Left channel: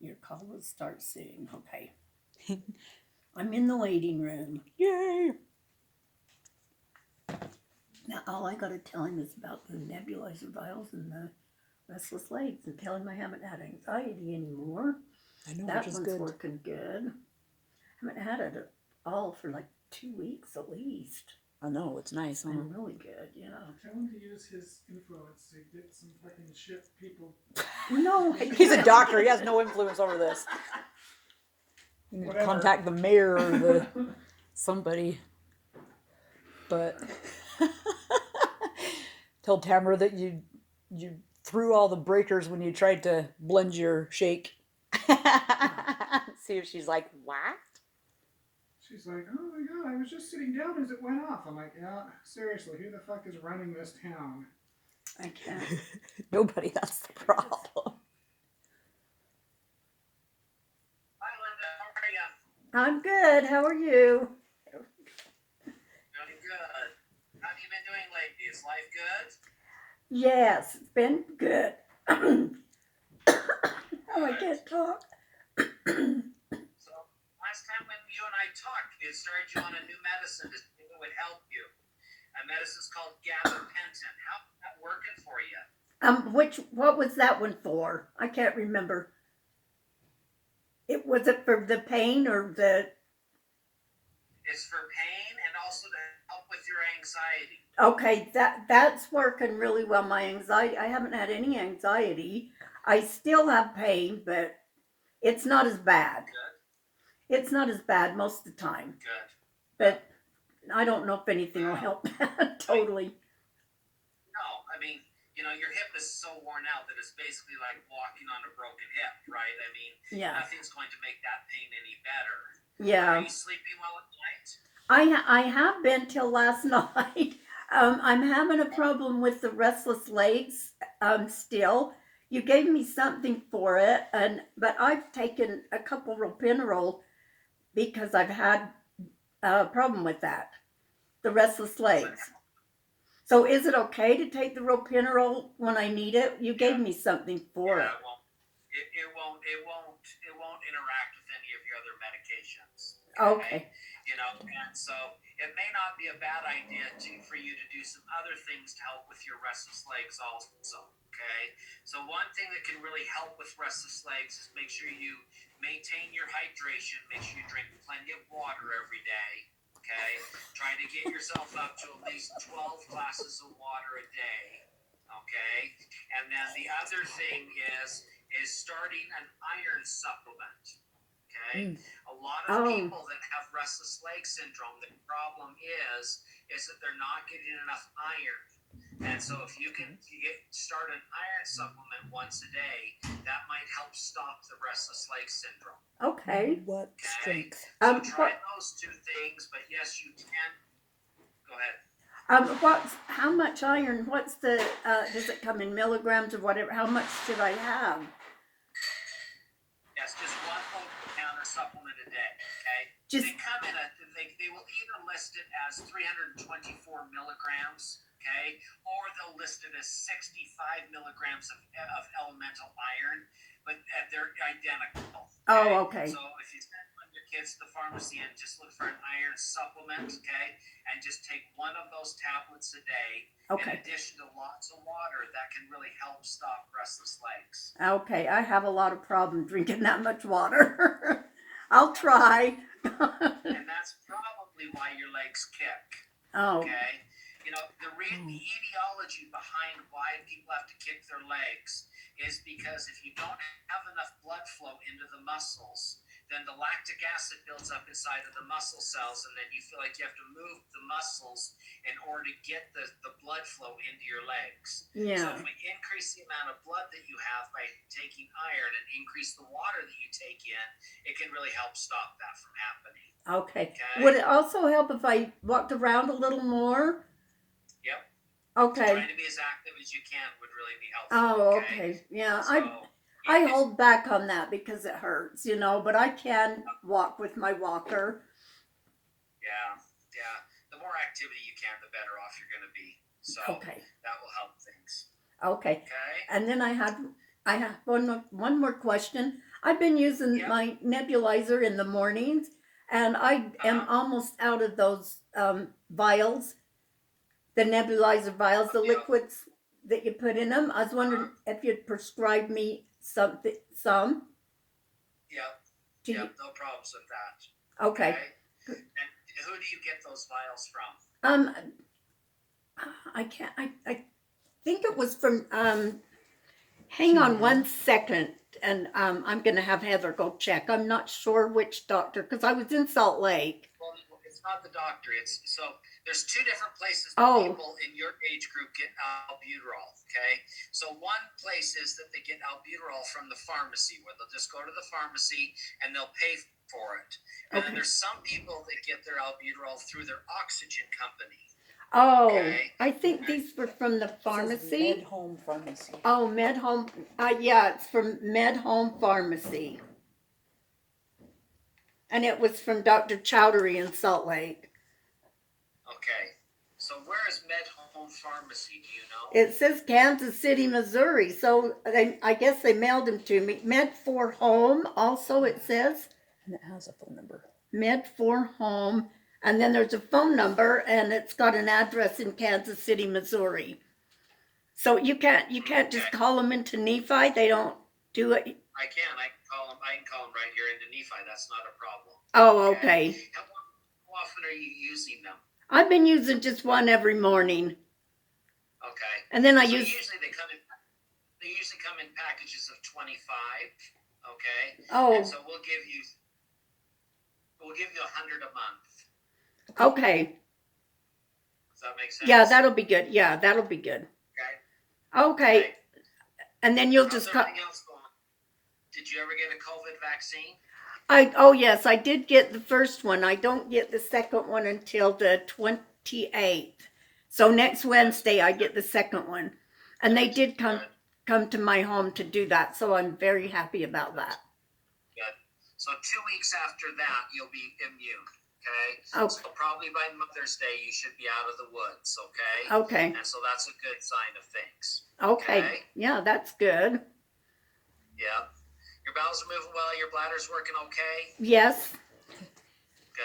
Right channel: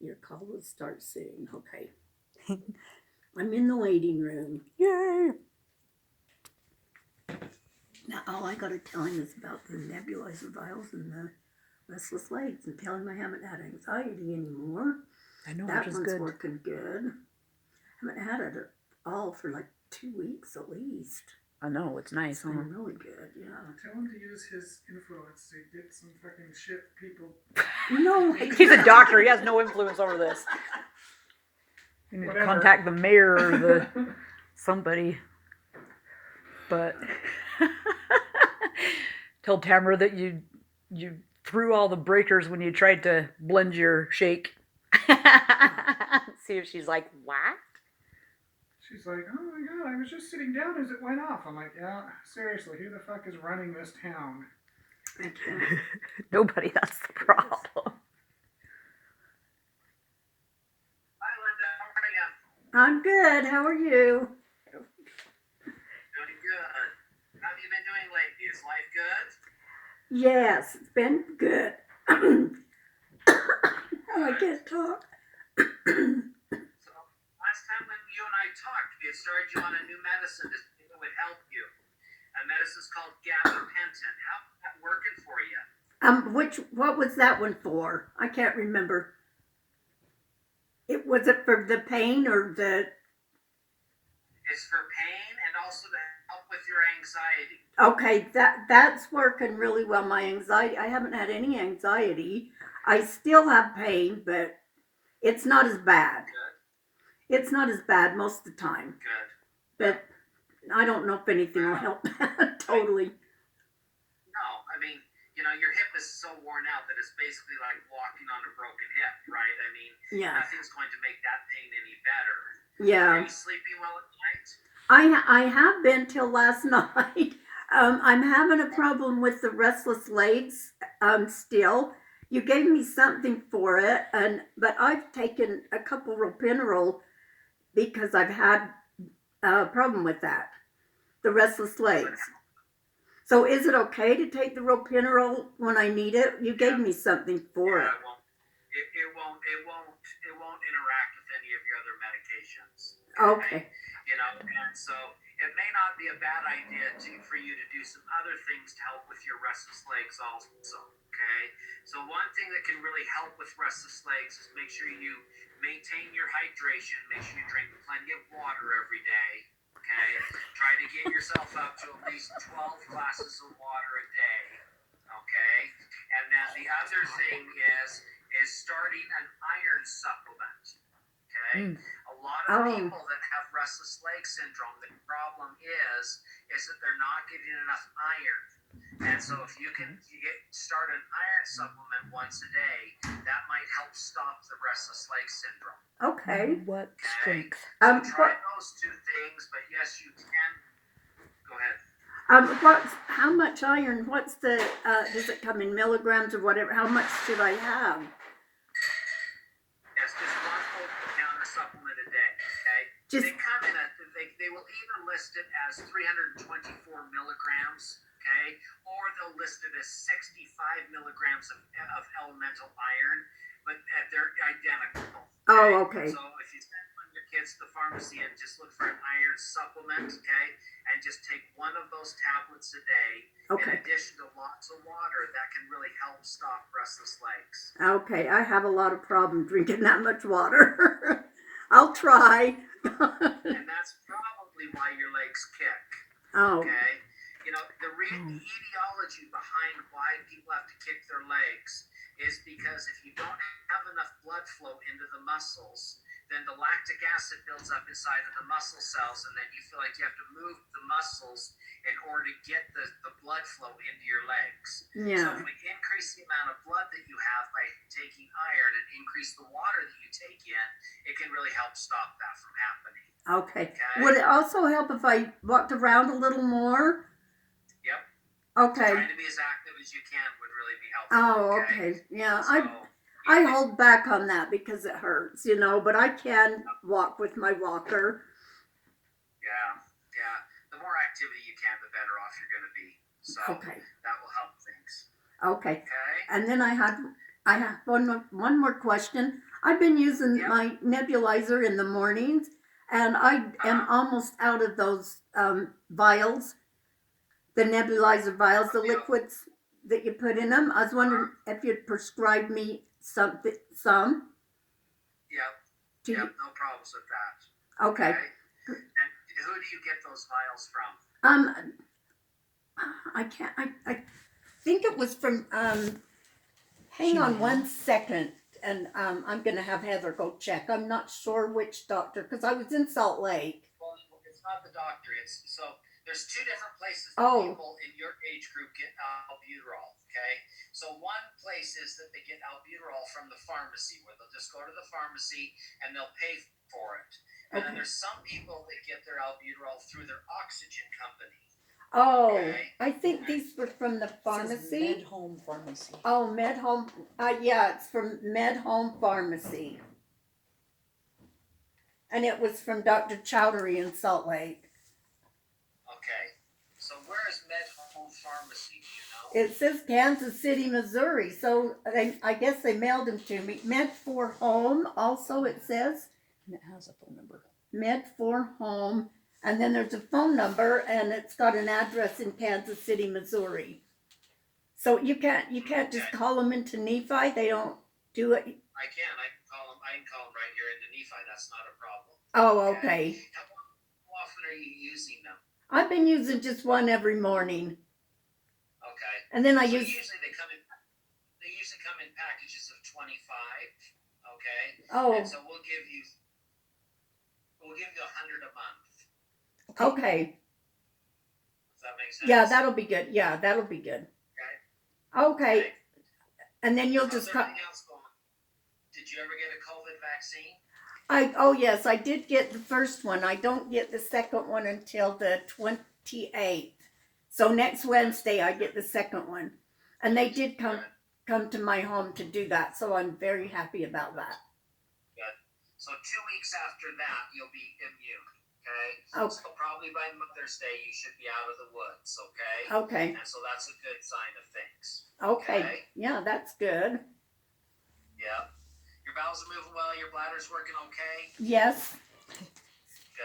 Your call will start soon. Okay. I'm in the waiting room. Yay! Now, all I got to tell him is about the nebulizer vials and the restless legs and tell him I haven't had anxiety anymore. I know, That which is one's good. working good. I haven't had it at all for like 2 weeks at least. I know, it's nice, huh? And really good, yeah. Tell him to use his influence to get some fucking shit people. No, He's a doctor. He has no influence over this. You need to Whatever. contact the mayor or the somebody. But tell Tamara that you threw all the breakers when you tried to blend your shake. See if she's like, what? She's like, oh my god, I was just sitting down as it went off. I'm like, yeah, seriously, who the fuck is running this town? I can't. Nobody, that's the problem. Hi, Linda. How are you? I'm good. How are you? Doing good. How have you been doing lately? Is life good? Yes, it's been good. Oh, I can't talk. So, last time when you and I talked, we had started you on a new medicine that would help you. A medicine's called gabapentin. How's that working for you? What was that one for? I can't remember. Was it for the pain or the? It's for pain and also to help with your anxiety. Okay, that's working really well. My anxiety, I haven't had any anxiety. I still have pain, but it's not as bad. Good. It's not as bad most of the time. Good. But I don't know if anything will help that totally. No, I mean, you know, your hip is so worn out that it's basically like walking on a broken hip, right? I mean, Yeah. nothing's going to make that pain any better. Yeah. Are you sleeping well at night? I have been till last night. I'm having a problem with the restless legs still. You gave me something for it, but I've taken a couple ropinirole because I've had a problem with that, the restless legs. So is it okay to take the ropinirole when I need it? You gave me something for it. It won't interact with any of your other medications. Okay. You know, and so it may not be a bad idea for you to do some other things to help with your restless legs also. Okay. So one thing that can really help with restless legs is make sure you maintain your hydration. Make sure you drink plenty of water every day. Okay. Try to get yourself up to at least 12 glasses of water a day. Okay. And then the other thing is starting an iron supplement. Okay. A lot of people that have restless leg syndrome, the problem is that they're not getting enough iron. And so if you can start an iron supplement once a day, that might help stop the restless leg syndrome. Okay. What strength? So try those two things, but yes, you can. Go ahead. How much iron? What's the? Does it come in milligrams or whatever? How much should I have? Yes, just 1 over-the-counter supplement a day. Okay. They come in they will either list it as 324 milligrams. Okay, or they'll list it as 65 milligrams of elemental iron, but they're identical. Okay? Oh, okay. So if you send one of your kids to the pharmacy and just look for an iron supplement, okay, and just take one of those tablets a day, in addition to lots of water, that can really help stop restless legs. Okay, I have a lot of problem drinking that much water. I'll try. And that's probably why your legs kick. Oh. Okay. You know, the etiology behind why people have to kick their legs is because if you don't have enough blood flow into the muscles, then the lactic acid builds up inside of the muscle cells, and then you feel like you have to move the muscles in order to get the blood flow into your legs. Yeah. So if we increase the amount of blood that you have by taking iron and increase the water that you take in, it can really help stop that from happening. Okay. Would it also help if I walked around a little more? Yep. Okay. Trying to be as active as you can would really be helpful. Oh, okay. Yeah, I hold back on that because it hurts, but I can walk with my walker. Yeah. The more activity you can, the better off you're going to be. So that will help things. Okay. And then I have one more question. I've been using Yep. my nebulizer in the mornings, and I am almost out of those vials, the nebulizer vials, the Yep. liquids that you put in them. I was wondering if you'd prescribe me something, some. Yep. Do Yep. you, No problems with that. okay. Okay. And who do you get those vials from? I can't. I think it was from. Hang on one second, and I'm gonna have Heather go check. I'm not sure which doctor because I was in Salt Lake. Well, it's not the doctor. It's so there's two different places Oh. people in your age group get albuterol. Okay, so one place is that they get albuterol from the pharmacy, where they'll just go to the pharmacy and they'll pay for it. And then Okay. there's some people that get their albuterol through their oxygen company. Oh, Okay. I think these were from the pharmacy. Med Home Pharmacy. Oh, Med Home. Yeah, it's from Med Home Pharmacy. And it was from Dr. Chowdhury in Salt Lake. Okay, so where is Med Home Pharmacy? Do you know? It says Kansas City, Missouri. So I guess they mailed them to me. Med for Home, also it says. And it has a phone number. Med for Home. And then there's a phone number, and it's got an address in Kansas City, Missouri. So you can't just call them into Nephi. They don't do it. I can call them. I can call them right here into Nephi. That's not a problem. Oh, okay. How often are you using them? I've been using just one every morning, Okay. and then I So use. usually they usually come in packages of 25. Okay. Oh, And so we'll give you 100 a month. okay. Does that make sense? Yeah, that'll be good. Yeah, that'll be good. Okay. Okay. And then you'll How's just call. everything else going? Did you ever get a COVID vaccine? Oh yes, I did get the first one. I don't get the second one until the 28th. So next Wednesday I get the second one. And they did come to my home to do that, so I'm very happy about that. Good. So 2 weeks after that you'll be immune. Okay. Okay. So probably by Mother's Day you should be out of the woods. Okay. Okay. And so that's a good sign of things. Okay. Yeah, that's good. Yeah. Your bowels are moving well. Your bladder's working okay. Yes.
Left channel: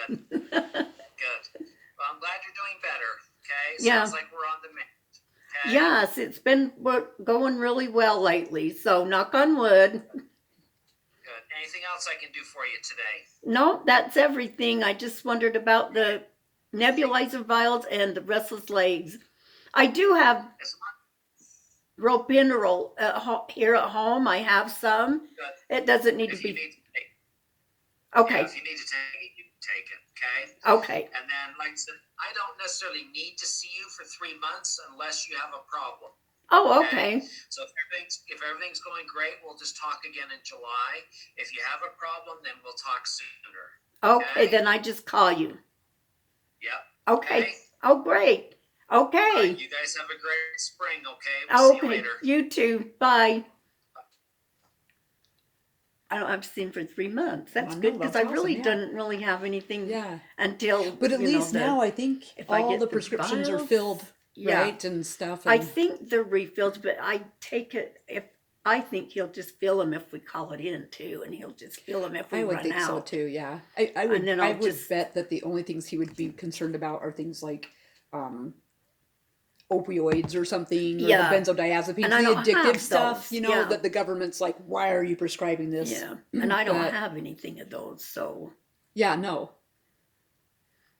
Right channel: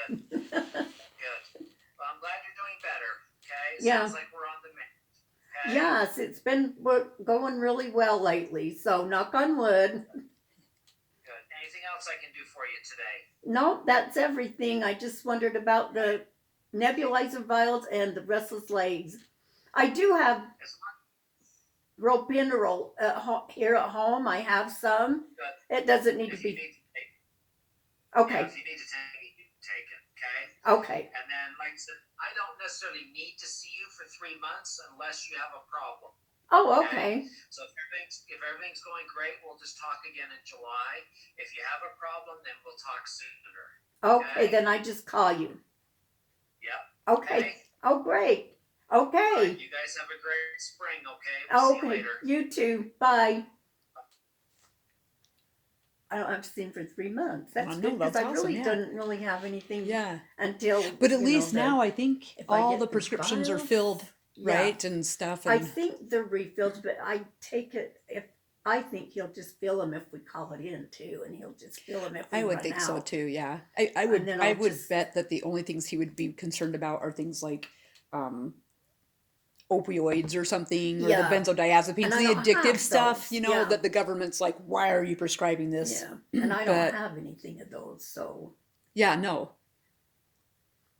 Good. Good. Well, I'm glad you're doing better. Okay. Yeah. Sounds like we're on the mend. Okay. Yes, it's been going really well lately. So knock on wood. Good. Anything else I can do for you today? No, that's everything. I just wondered about the nebulizer vials and the restless legs. I do have ropinirole here at home. I have some. Good. It doesn't need If to you be. need to take, Okay. if you need to take it, you can take it. Okay. Okay. And then, like I said, I don't necessarily need to see you for 3 months unless you have a problem. Oh, okay. So if everything's going great, we'll just talk again in July. If you have a problem, then we'll talk sooner. Okay, then I just call you. Yep. Okay. Oh, great. Okay. Right, you guys have a great spring. Okay. We'll see you Okay. later. You too. Bye. I don't have to see him for 3 months. That's I know, good because that's I really awesome, yeah. didn't really have anything Yeah. until. But at least the- now I think if I all get the the prescriptions are vials, filled, yeah. right? And stuff. I And think they're refills, but I take it if I think he'll just fill them if we call it in too, and he'll just fill them if we I would run think out. so too, yeah. I would then I I'll would just- bet that the only things he would be concerned about are things like opioids or something, or Yeah. the benzodiazepines, And I the don't addictive have stuff, those, you know, yeah. that the government's like, why are you prescribing this? Yeah, and I don't But- have anything of those, so Yeah, no.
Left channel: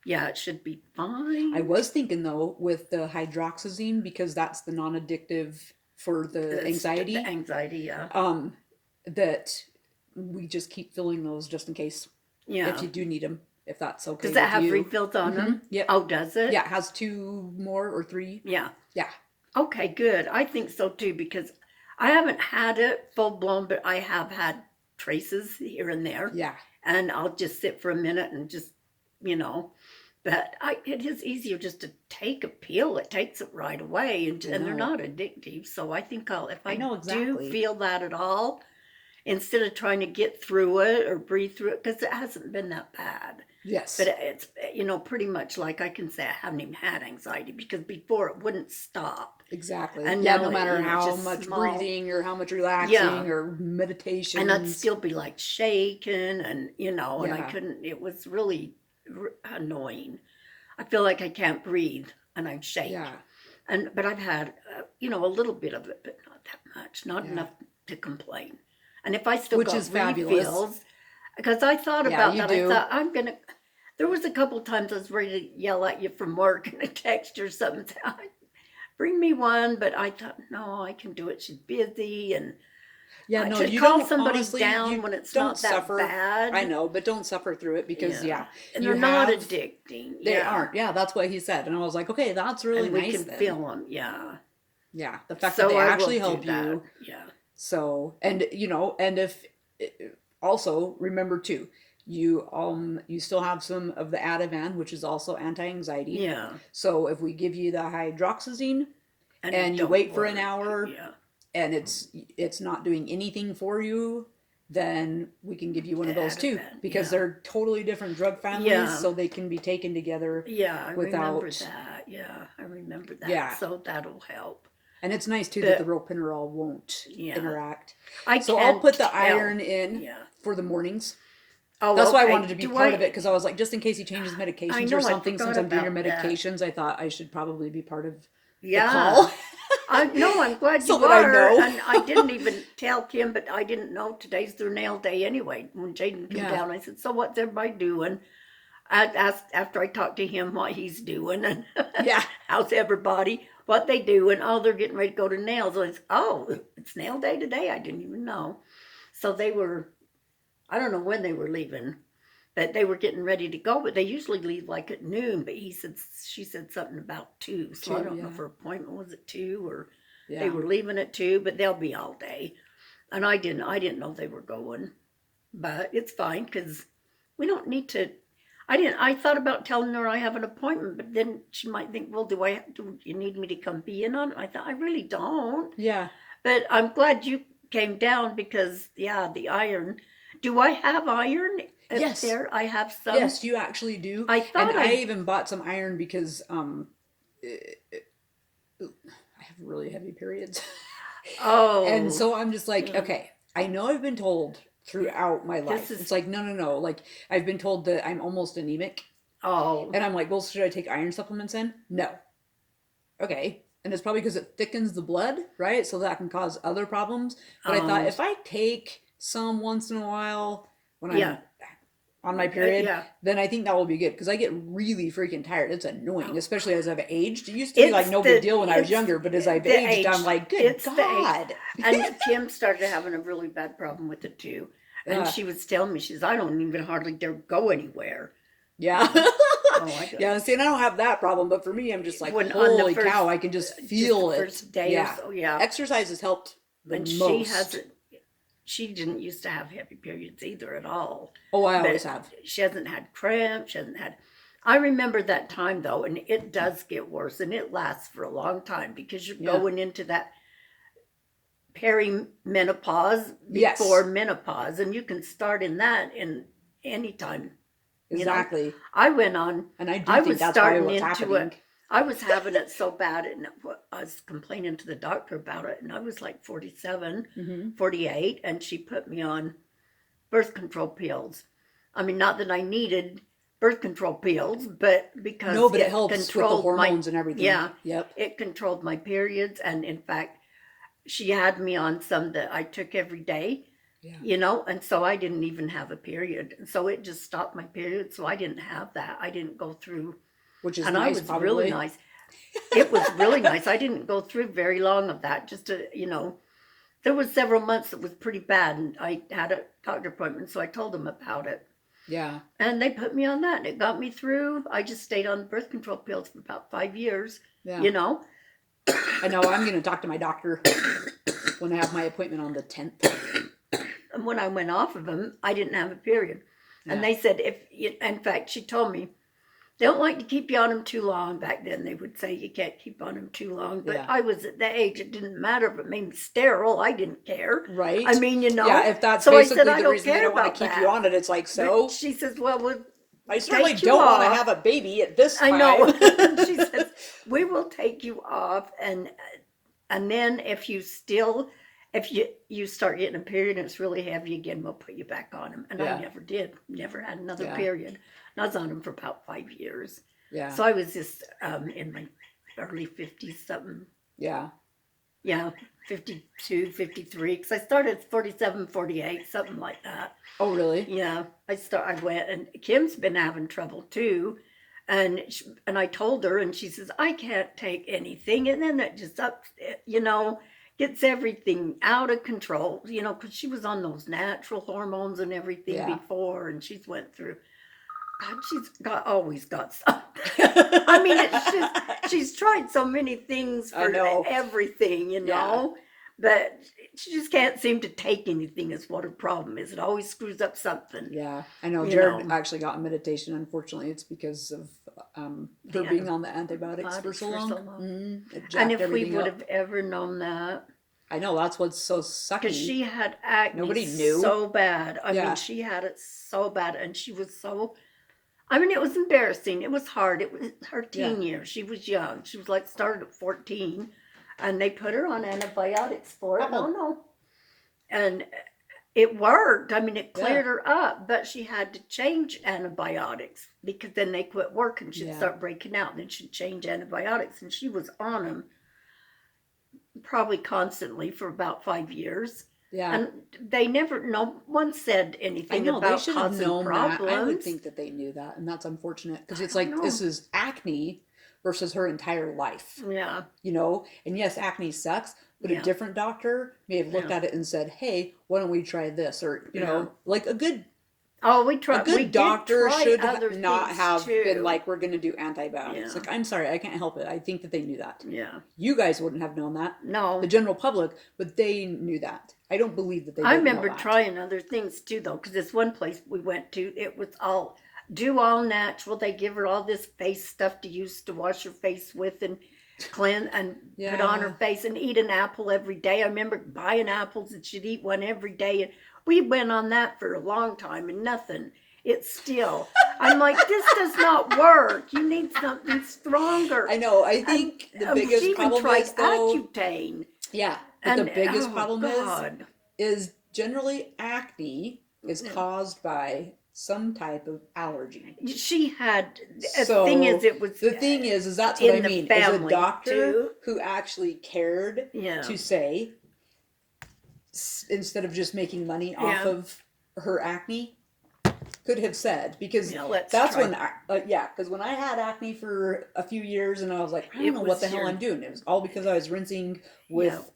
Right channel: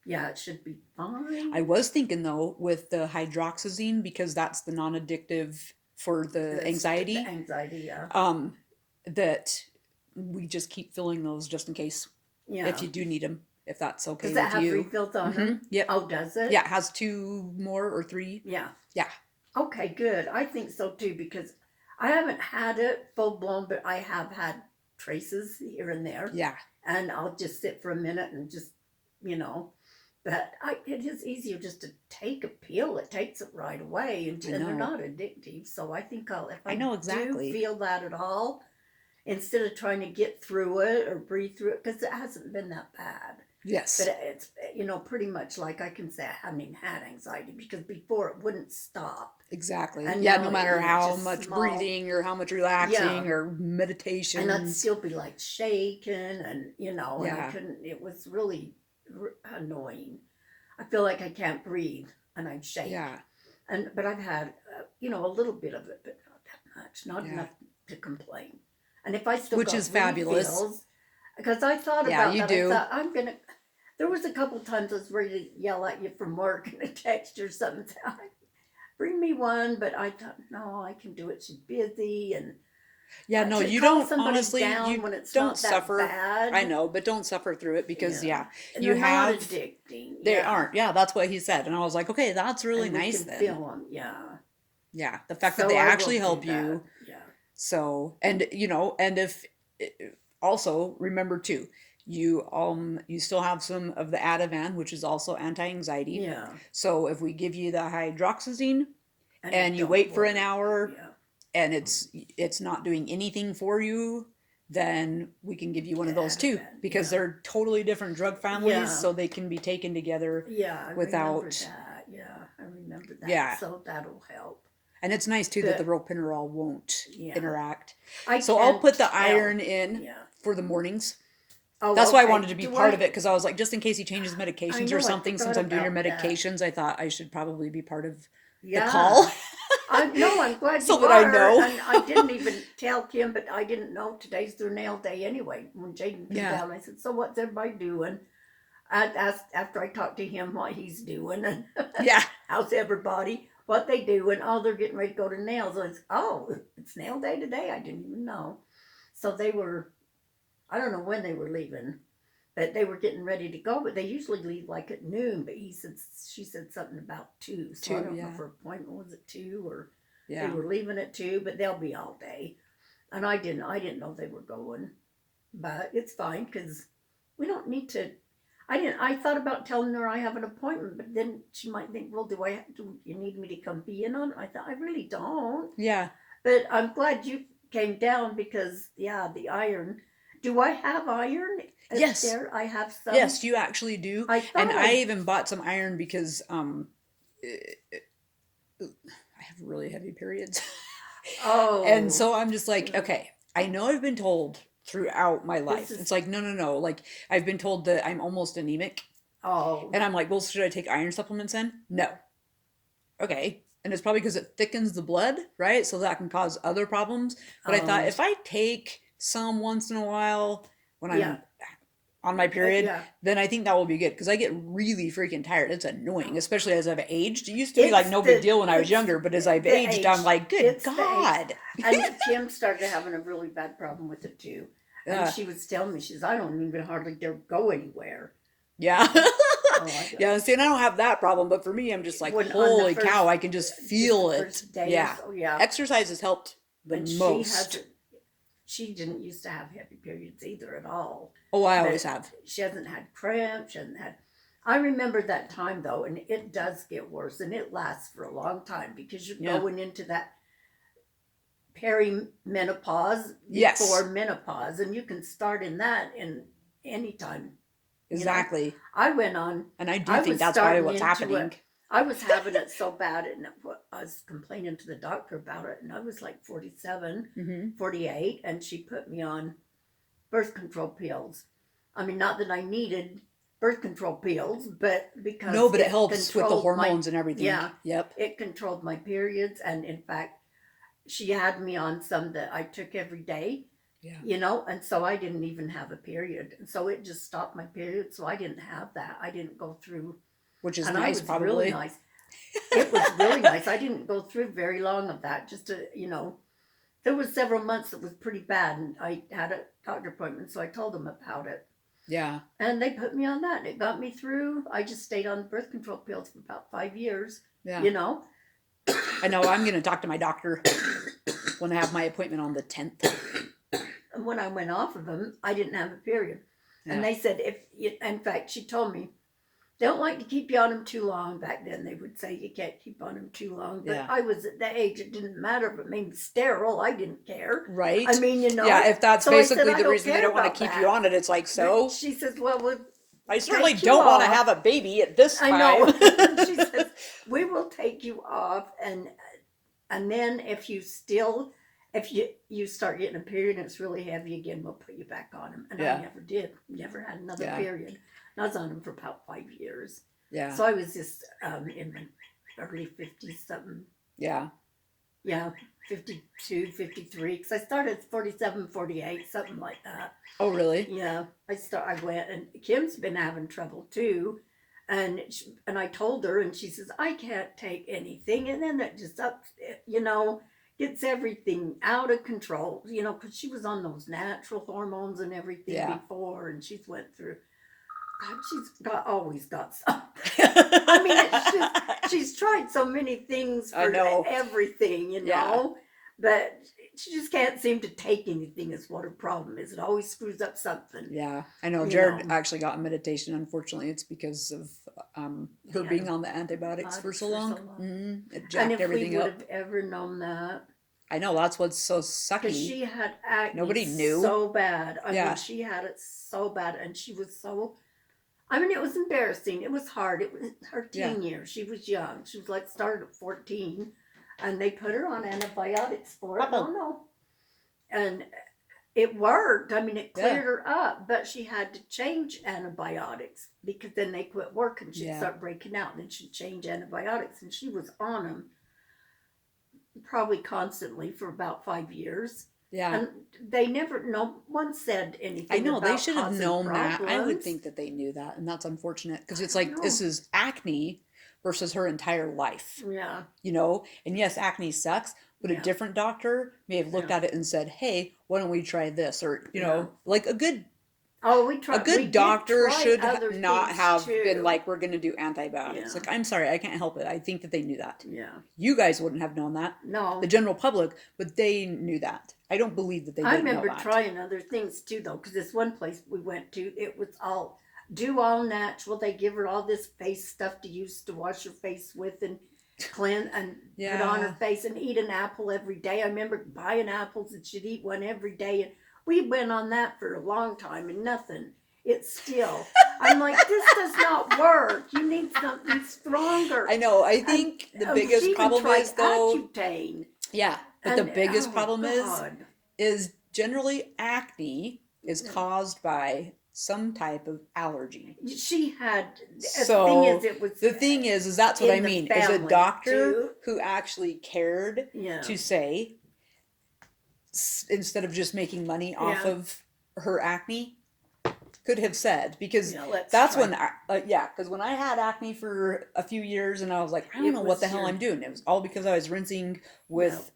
yeah, it should be fine. I was thinking though with the hydroxyzine, because that's the non-addictive for the It's anxiety, The anxiety, yeah. that we just keep filling those just in case Yeah. if you do need them, if that's okay Does that with have you. refills on them? Yep. Oh, does it? Yeah, it has 2 more or 3. Yeah. Yeah. Okay, good. I think so too because I haven't had it full blown, but I have had traces here and there. Yeah. And I'll just sit for a minute and just, but it is easier just to take a pill. It takes it right away, and they're know. not addictive. So I think if I I know exactly. do feel that at all, instead of trying to get through it or breathe through it, because it hasn't been that bad. Yes. But it's, pretty much like I can say I haven't even had anxiety because before it wouldn't stop. Exactly. And Yeah, now no matter how just much small. breathing or how much Yeah. relaxing or meditation. And I'd still be like shaking and, and I Yeah. couldn't, it was really annoying. I feel like I can't breathe and I shake. Yeah. But I've had, a little bit of it, but not that much, not Yeah. enough to complain. And if I still Which got is fabulous. refills, because I thought Yeah, about you that, do. I thought there was a couple times I was ready to yell at you from work and a text or something, bring me one, but I thought, no, I can do it. She's busy, and Yeah, no, to you call don't, somebody honestly, down you when it's don't not that suffer. bad. I know, but don't suffer through it because, yeah, And you they're not have, addicting. they Yeah. aren't. Yeah, that's what he said. And I was like, okay, that's really And we nice can then. feel them. Yeah. Yeah, the fact So that they I will actually do help that. you. Yeah. So, and and if also remember too, you still have some of the Ativan, which is also anti-anxiety. Yeah. So if we give you the hydroxyzine and you don't wait for an work. hour Yeah. and it's not doing anything for you, then we can give you one of those too, Ativan, because yeah. they're totally different drug families, Yeah. so they can be taken together. Yeah, I without remember that. Yeah, I remember that. Yeah. So that'll help. And it's nice too that the ropinirole won't interact. So I'll put the iron in for the mornings. Oh, That's why I okay. wanted to be part of it, because I was like, just in case he changes medications know, or I something, since forgot I'm doing your about that. medications, I thought I should probably be part of Yeah. the call. I'm glad So you that are. I know. And I didn't even tell Kim, but I didn't know today's their nail day anyway. When Jaden came Yeah. down, I said, so what's everybody doing? I asked after I talked to him what he's doing and Yeah. how's everybody, what they do, and oh, they're getting ready to go to nails. And it's nail day today. I didn't even know. So they were, I don't know when they were leaving, but they were getting ready to go. But they usually leave like at noon. But she said something about 2. So I don't know if her appointment was at 2 or they were leaving at 2. But they'll be all day, and I didn't know they were going. But it's fine because we don't need to. I thought about telling her I have an appointment, but then she might think, well, do you need me to come be in on it? I thought, I really don't. Yeah. But I'm glad you came down because, the iron. Do I have iron? Yes. There? I have some. Yes, you actually do. I even bought some iron because I have really heavy periods. Oh. And so I'm just like, okay, I know I've been told throughout my life. It's like, no. Like, I've been told that I'm almost anemic. Oh. And I'm like, well, should I take iron supplements then? No. Okay. And it's probably because it thickens the blood, right? So that can cause other problems. But I thought, if I take some once in a while when I'm on my period, then I think that will be good, because I get really freaking tired. It's annoying, especially as I've aged. It used to be like no big deal when I was younger, but as I've aged, I'm like, good God. And Kim started having a really bad problem with it too. And Yeah. she was telling me, she says, I don't even hardly dare go anywhere. Yeah. Yeah, see, and I don't have that problem, but for me, I'm just like, When on the holy first- cow, I can just feel the it. first day Yeah. or so, yeah. Exercise has helped the And most. she didn't used to have heavy periods either at all. Oh, I But always have. She hasn't had cramps. I remember that time though, and it does get worse, and it lasts for a long time because you're going into that perimenopause before menopause, and you can start in that in any time. Exactly. I went on, and I do think that's probably what's happening. I was having it so bad, and I was complaining to the doctor about it, and I was like 47, 48, and she put me on birth control pills. I mean, not that I needed birth control pills, but because it helps with the hormones and everything. Yeah. Yep. It controlled my periods, and in fact, she had me on some that I took every day. Yeah. And so I didn't even have a period. And so it just stopped my period, so I didn't have that. I didn't go through. Which is and nice, I was probably. really nice. It was really nice. I didn't go through very long of that. Just to, there was several months that was pretty bad, and I had a doctor appointment, so I told them about it. Yeah. And they put me on that, and it got me through. I just stayed on birth control pills for about 5 years. Yeah. I know. I'm going to talk to my doctor when I have my appointment on the 10th. And when I went off of them, I didn't have a period. Yeah. And they said, in fact, she told me, they don't like to keep you on them too long. Back then, they would say you can't keep on them too long. But I was at that age, it didn't matter if it made me sterile. I didn't care. Right. I mean, Yeah, if that's so basically I said, the reason they don't want to keep you on it, it's like, so? But she says, well, I certainly take you don't want to off. have a baby at this I time. know. She says, we will take you off, and then if you start getting a period and it's really heavy again, we'll put you back on them. And Yeah. I never did. Never had another Yeah. period. And I was on them for about 5 years. Yeah. So I was just in my early 50s something. Yeah. Yeah, 52, 53. Because I started at 47, 48, something like that. Oh, really? Yeah, I went, and Kim's been having trouble too, and I told her, and she says I can't take anything, and then it just gets everything out of control, because she was on those natural hormones and everything Yeah. before, and she's went through. God, always got something. I mean, it's just she's tried so many things I for know. everything, Yeah. but she just can't seem to take anything. Is what her problem is. It always screws up something. Yeah, I know. You Jared know. actually got meditation. Unfortunately, it's because of her The being on the antibiotics for antibiotics so for long. so long. It And jacked if we everything would up. have ever known that, I know, that's what's so because sucky. she had acne Nobody knew. so bad. I Yeah. mean, she had it so bad, and she was so. I mean, it was embarrassing. It was hard. It was her teen years. She was young. She was like started at 14, and they put her on antibiotics for it. Uh-oh. No. And it worked. I mean, it Yeah. cleared her up, but she had to change antibiotics because then they quit working. She'd Yeah. start breaking out, and then she'd change antibiotics, and she was on them probably constantly for about 5 years. Yeah. And they never, no one said anything I know, about they should have causing known that. I would problems. think that they knew that, and that's unfortunate because it's I like don't know. this is acne versus her entire life, Yeah, And yes, acne sucks, but a Yeah. different doctor may have looked Yeah. at it and said, "Hey, why don't we try this?" Or Yeah. like a good oh, we a tried. good We did doctor try should other not things have been too. like, "We're going to do antibiotics." Yeah. Like, I'm sorry, I can't help it. I think that they knew that. Yeah, You guys wouldn't have known that, no. the general public, but they knew that. I don't believe that they I didn't know remember that. trying other things too, though, because this one place we went to, it was all natural. They give her all this face stuff to use to wash her face with and cleanse and put on her Yeah. face and eat an apple every day. I remember buying apples and she'd eat one every day, and we went on that for a long time and nothing. It's still. I'm like, this does not work. You need something stronger. I know. I think the She biggest even problem tried is though, Accutane. yeah, but the biggest Oh, problem God. is generally acne is Yeah. caused by some type of allergy. She had. The So, thing is, it was. The thing is that's what I in the mean. Is a family, doctor too. who actually cared Yeah. to say, instead of just making money off Yeah. of her acne, could have said, because Let's that's try. when, because when I had acne for a few years and I was like, I don't It know what was the hell your- I'm doing. It was all because I was rinsing with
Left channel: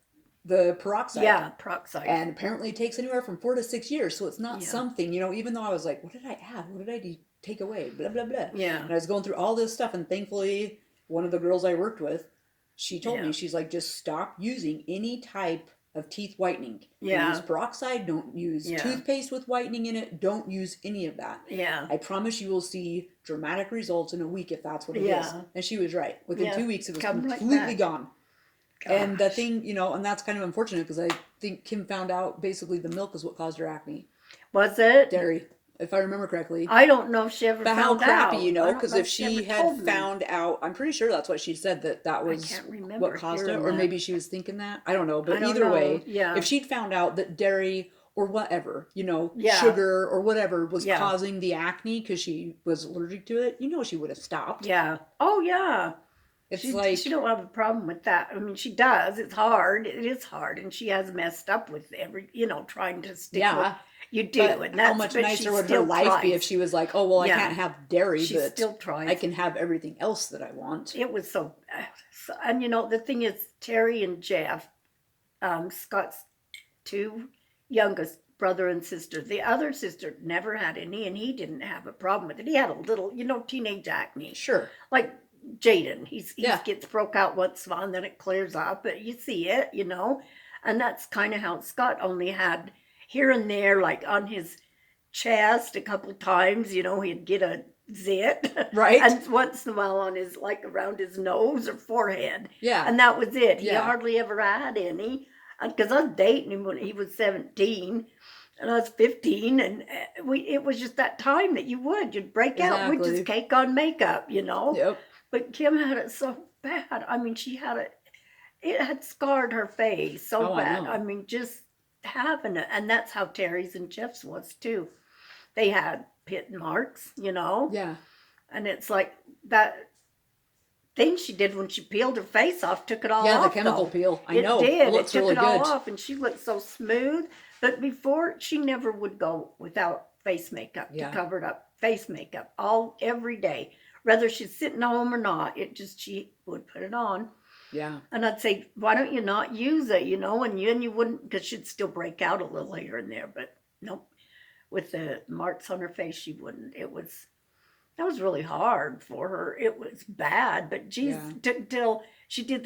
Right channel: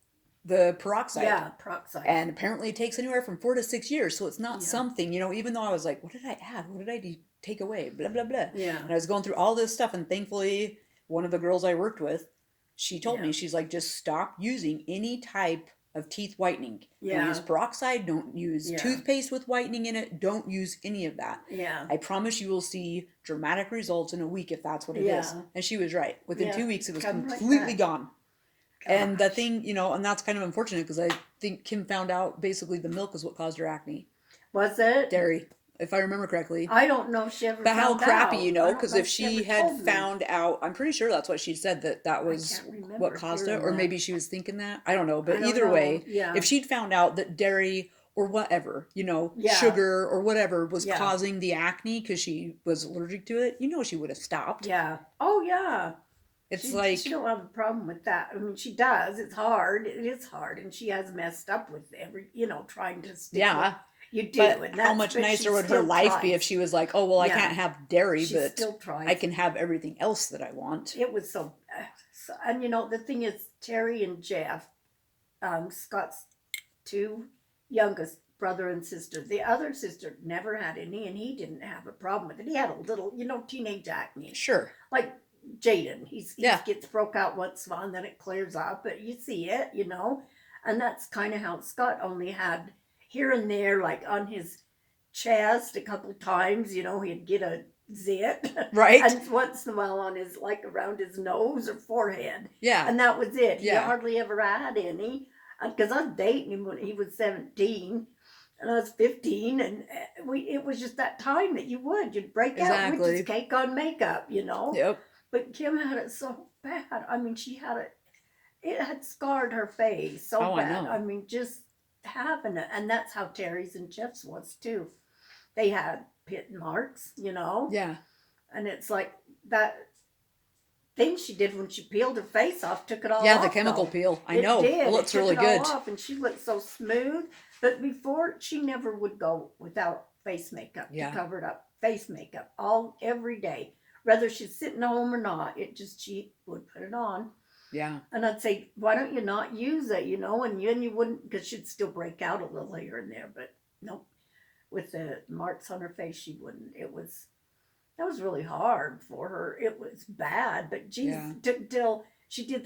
the peroxide. Yeah, peroxide. And apparently it takes anywhere from 4 to 6 years. So it's not Yeah. something, even though I was like, what did I add? What did I take away? Blah, blah, blah. Yeah. And I was going through all this stuff. And thankfully, one of the girls I worked with, she told Yeah. me, she's like, just stop using any type of teeth whitening. Yeah. Don't use peroxide. Don't use Yeah. toothpaste with whitening in it. Don't use any of that. Yeah. I promise you will see dramatic results in a week if that's what it is. Yeah. And she was right. Within Yeah. 2 weeks, it was Come like completely that. gone. And the Gosh. thing, and that's kind of unfortunate because I think Kim found out basically the milk is what caused her acne. Was it? Dairy, if I remember correctly. I don't know if she ever But found how out. crappy, I don't because know if she ever had told me. found out, I'm pretty sure that's what she said, that was can't remember what caused it. hearing Or that. maybe she was thinking that. I don't know. I But don't either know. way, Yeah. if she'd found out that dairy or whatever, Yeah. sugar or whatever was Yeah. causing the acne because she was allergic to it, she would have stopped. Yeah. Oh, yeah. It's she, like, she don't have a problem with that. I mean, she does. It's hard. It is hard, and she has messed up with trying to stick. yeah. with, you do. But And how that's, much but she nicer would her still life be if tries. she was like, oh, well, I Yeah. can't have dairy, She but still tries. I can have everything else that I want. It was and the thing is, Terry and Jeff, Scott's two youngest brother and sister. The other sister never had any, and he didn't have a problem with it. He had a little, teenage acne, Sure. like Jaden. He Yeah. gets broke out once in a while, and then it clears up. But you see it, and that's kind of how Scott only had here and there, like on his chest a couple times. He'd get a zit, Right? and once in a while on his around his nose or forehead. Yeah. And that was it. He Yeah. hardly ever had any. Because I was dating him when he was 17. And I was 15, and it was just that time that you'd break out, we'd Exactly. just cake on makeup, you know. Yep. But Kim had it so bad. I mean, she had it had scarred her face so Oh, I bad. know. I mean, just having it, and that's how Terry's and Jeff's was too. They had pit marks, you know, Yeah. and it's like that thing she did when she peeled her face off took it all Yeah, off. the chemical Though. peel. I It know. did. It It looks took really it all good. off, and she looked so smooth. But before, she never would go without face makeup Yeah. to cover it up. Face makeup every day, whether she's sitting home or not. It just she would put it on. Yeah. And I'd say, why don't you not use it, you know? And you wouldn't, because she'd still break out a little here and there. But nope, with the marks on her face, she wouldn't. That was really hard for her. It was bad, but geez, Yeah. till she did that.